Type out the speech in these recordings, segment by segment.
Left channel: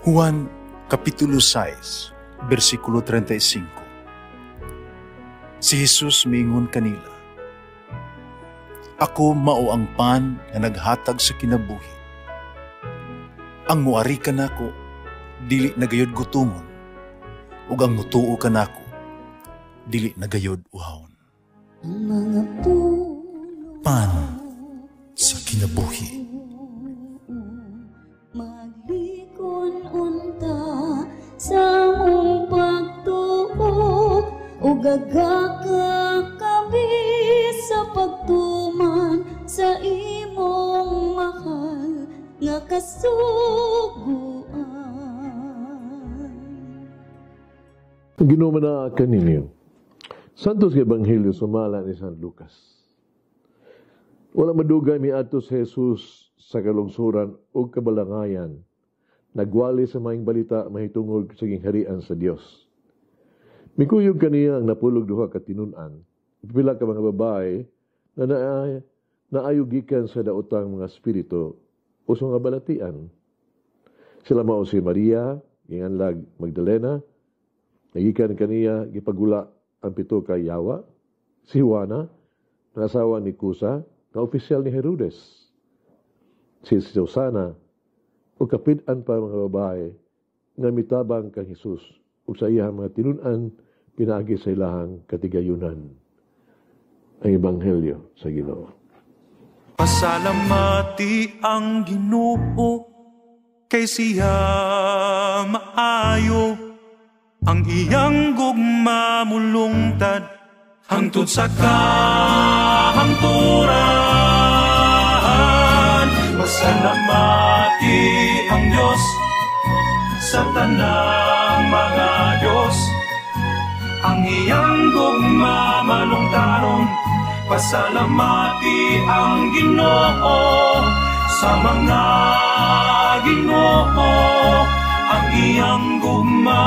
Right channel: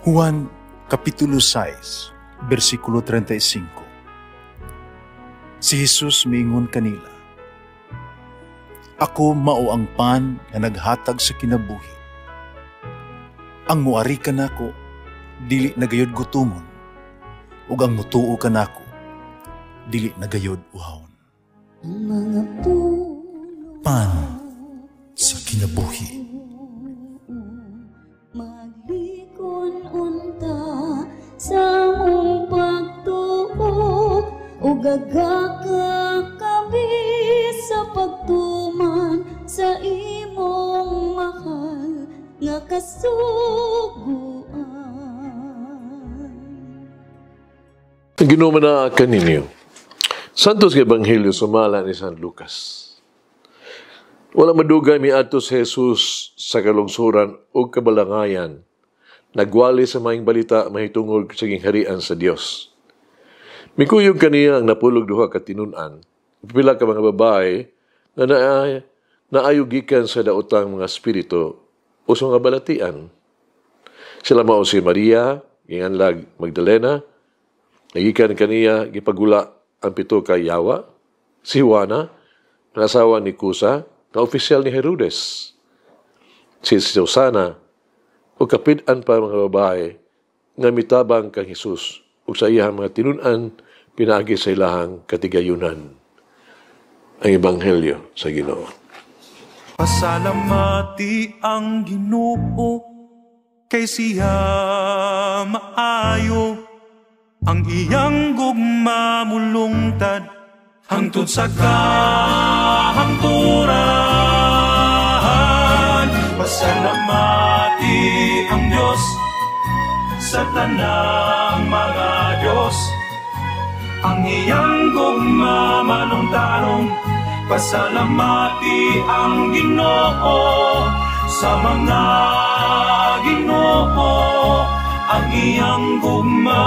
Juan Kapitulo 6, versikulo 35. Si Jesus miingon kanila, "Ako mao ang pan nga naghatag sa kinabuhi. Ang muari kanako dili nagayod gutomon, ug ang mutuo kanako dili nagayod uhawon." Pan sa kinabuhi. Maglikon unta sa mong pagtuo, ug gagaka kami sa pagtuman sa imong mahal nga kasuguan. Ginoo na kaninyo. Santos nga Ebanghelyo sumala ni San Lucas. Wala madugay miadto si Jesus sa kalungsuran o kabalangayan. Nagwali sa maing balita mahitungod sa gingharian sa Dios. Mikuyog kaniya ang napulog duha ka tinun-an. Pila ka mga babae na naayugikan sa daotang mga espiritu o sa mga balatian. Sila mao si Maria, ginganlag Magdalena, nagikan kaniya gipagula ang pito ka yawa, si Juana, ang asawa ni Kusa, na opisyal ni Herodes, si Susana, o kapit-an pa mga babae nga mitabang kang Jesus o sa iyang mga tinun-an pinaagi sa ilahang katigayunan. Ang Ebanghelyo sa Ginoo. Pasalamati ang Ginoo kay siya maayo, ang iyang gugma mulungtad hangtod sa kahangturan. Pasalamati ang Diyos sa tanang mga Diyos, ang iyang gugma malungtaron. Pasalamati ang Ginoo sa mga Ginoo, ang iyang gugma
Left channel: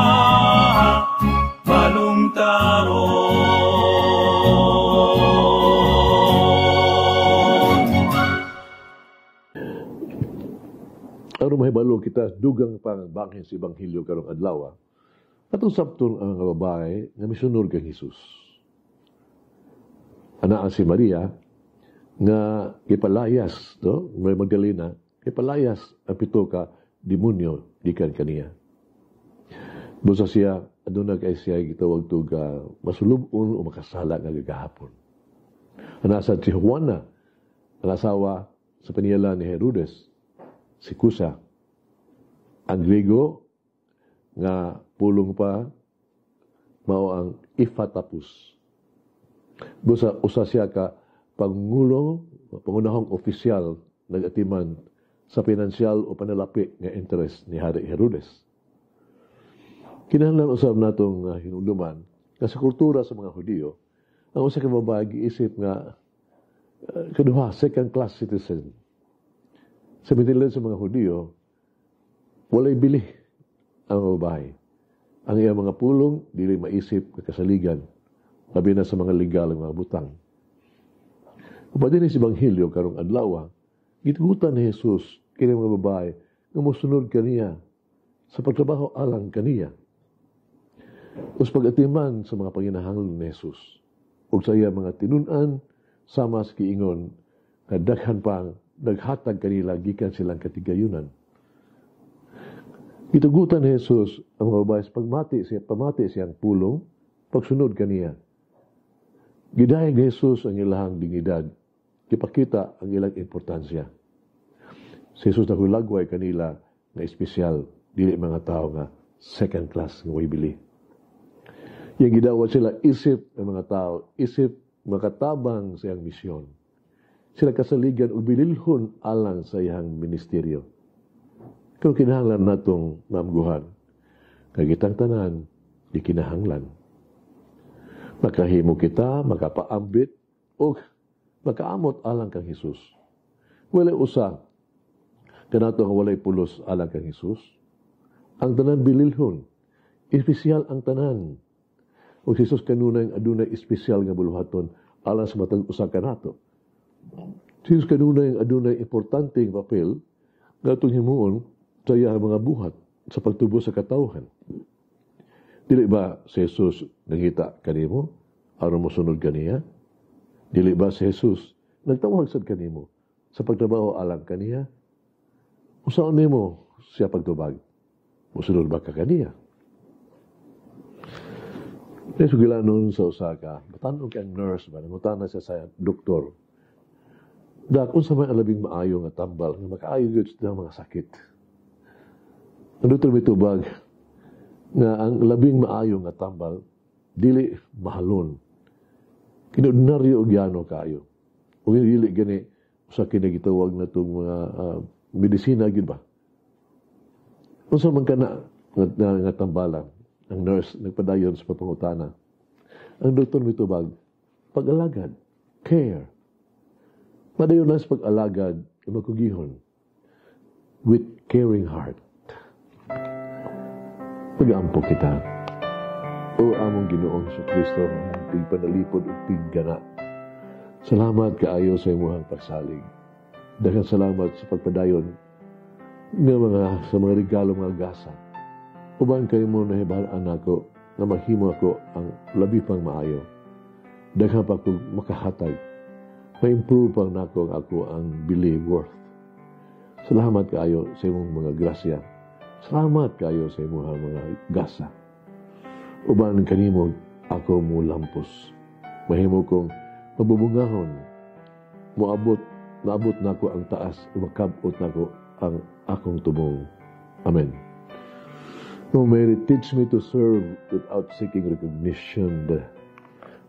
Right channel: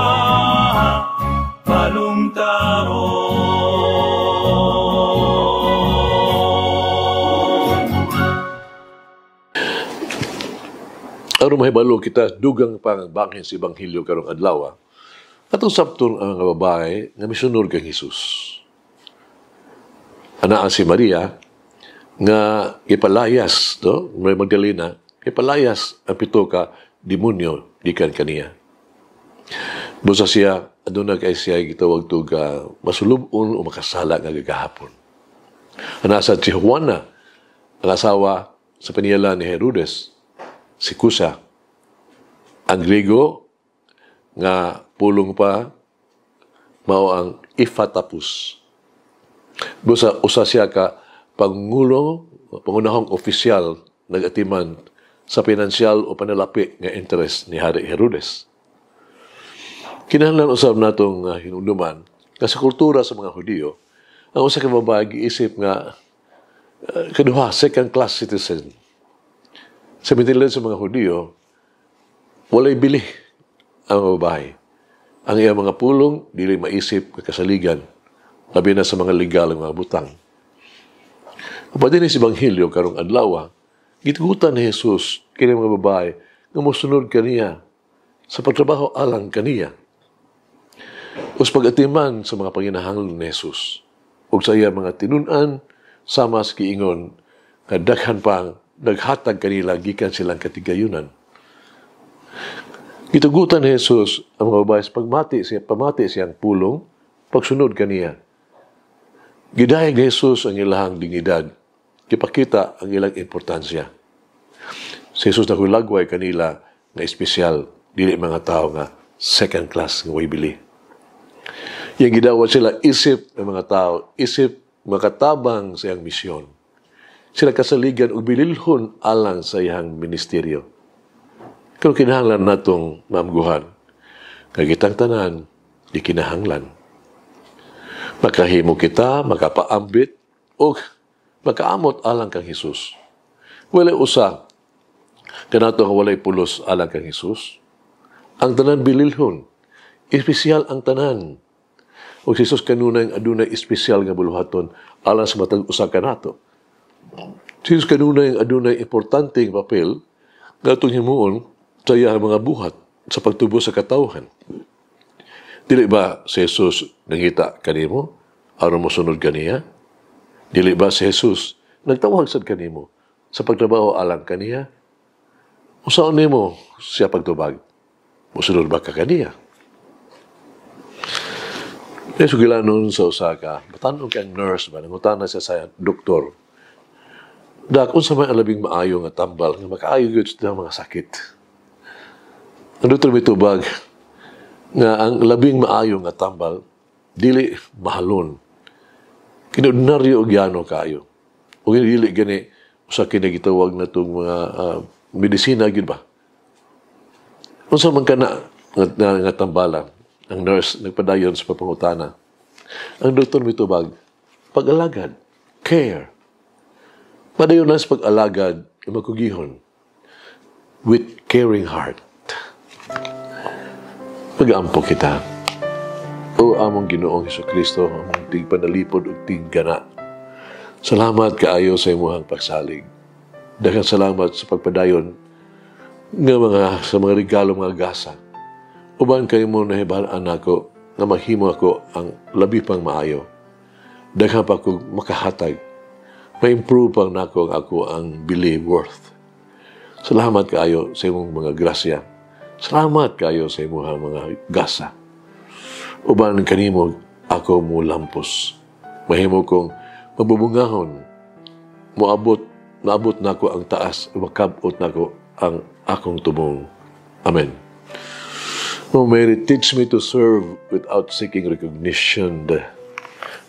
malungtaron. Aron mahibalo kita dugang pang banghin sa Ebanghelyo karong adlaw. Atong sabton ang mga babae nga misunod kang Hesus. Anaa si Maria nga ipalayas, no? May Magdalena, ipalayas ang pito ka demonyo gikan kaniya. Busa siya aduna kay siya gitawag to ga masulubon o makasala nga gagahapon. Anasa si Juana, ang asawa sa paniala ni Herodes, si Kusa, ang Griego nga pulong pa mao ang Iphatapus. Busa usa siya ka pangunahong opisyal nagatiman sa pinansyal o panalapi nga interest ni Hari Herodes. Kinahanglan usab natong hinumduman nga sa kultura sa mga Hudiyo, ang usa ka babae giisip nga kaduha second class citizen. Sa mintilan sa mga Hudiyo, walay bili ang babae. Ang iyang mga pulong dili maisip nga kasaligan, labi na sa mga legal ng mga butang. Kapag din sa Ebanghelyo karong adlaw, gitugutan ni Jesus kini mga babae nga mosunod kaniya sa pagtrabaho alang kaniya. Us pagatiman sa mga panginahanglan ni Jesus ug sa iya mga tinun-an sama sa kiingon nga daghan pang naghatag kanila gikan silang katigayunan. Gitugutan ni Jesus ang mga babae sa pamati siyang pulong, pagsunod kaniya. Gidayeg ni Jesus ang ilahang dignidad, ipakita ang ilang importansya. Si Jesus na hulagway kanila na espesyal, dili mga tao nga second class nga way bili. Yang gidawat sila isip ng mga tao, isip makatabang sa iyang misyon. Sila kasaligan o bililhon alang sa iyang ministeryo. Pero kinahanglan natong maamguhan, kagitang tanan, di kinahanglan. Makahimo kita, makapaambit, o makaamot alang kang Jesus. Walay usa, kanato nga walay pulos alang kang Jesus. Ang tanan bililhon, espesyal ang tanan. O si Jesus kanunay adunay espesyal nga buluhaton alang sa matag usa kanato. Si Jesus kanunay adunay importante nga papel nga itong himuon sa iyang mga buhat sa pagtubo sa katawhan. Dili ba si Jesus nangita kanimo aron mo sunod kaniya? Dili ba si Jesus nagtawag sad kanimo sa pagtrabaho alang kaniya? Usaon nimo siya pagtubag? Musunod ba ka kaniya? May sugilanon sa Osaka, batanon kang nurse ba, nangutana siya sa doktor. Dak, unsa may alabing maayo nga tambal, nga makaayo gyud sa mga sakit. Ang doktor may tubag, nga ang labing maayo nga tambal, dili mahalon. Kinordinaryo o gyano kayo. O dili gani, usa kinagitawag na itong mga medisina, gyud ba? Unsa man ka nga tambalan, ang nurse nagpadayon sa papangutana. Ang doktor may tubag, pag-alagad, care. Padayon na sa pag-alagad, magkugihon, with caring heart. Pag-aampo kita, o among Ginoong Hesukristo, among tigpanalipod o tiggana. Salamat kaayo sa imuhang pagsalig. Daghang salamat sa pagpadayon sa mga regalo, mga gasa. Uban kayo mo nahibalaan ako na mahimo ako ang labi pang maayo. Daghang pa ako makahatag. Ma-improve pang nako ako ang believe worth. Salamat kaayo sa imong mga grasya. Salamat kaayo sa imong mga gasa. Uban kanimo ako mo lampos. Mahimo kong mabubungahon. Maabot nako ang taas, makabot nako ang akong tubong. Amen. O Mary, teach me to serve without seeking recognition.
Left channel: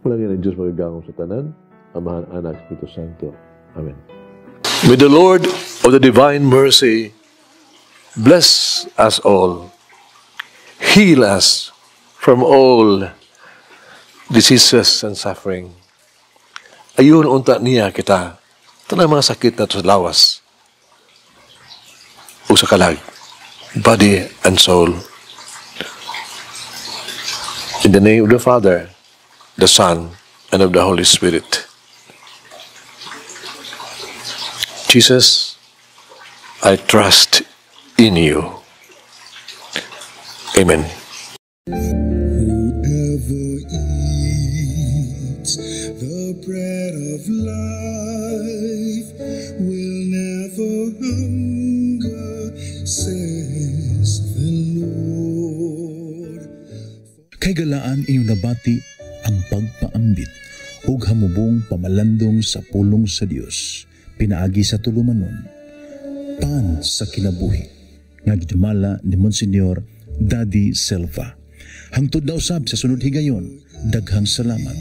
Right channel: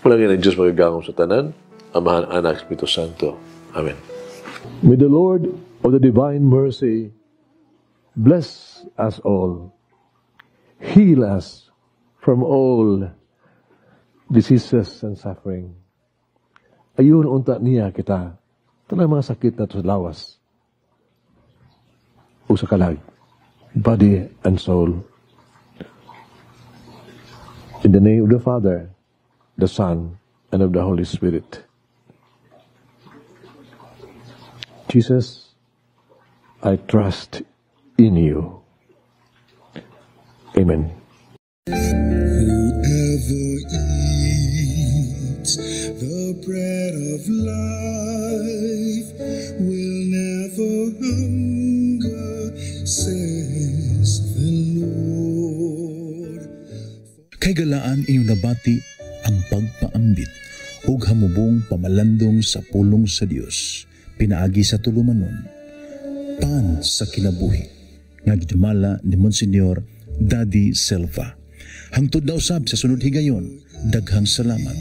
Malangin ang Diyos magagangom sa tanan, Amahan, Anak, Espiritu Santo. Amen. May the Lord of the divine mercy bless us all, heal us from all diseases and suffering. Ayun unta niya kita, tanang mga sakit na sa lawas, o sa kalag, body and soul. In the name of the Father, the Son, and of the Holy Spirit. Jesus, I trust in you. Amen. Whoever eats the bread of life will never hunger, says the Lord. Kay galaan inyong nabati ang pagpaambit ug hamubong pamalandong sa pulong sa Dios pinaagi sa tulumanon, pan sa kinabuhi nga gidumala ni Monsignor Daddy Silva. Hangtod na usab sa sunod higayon, daghang salamat.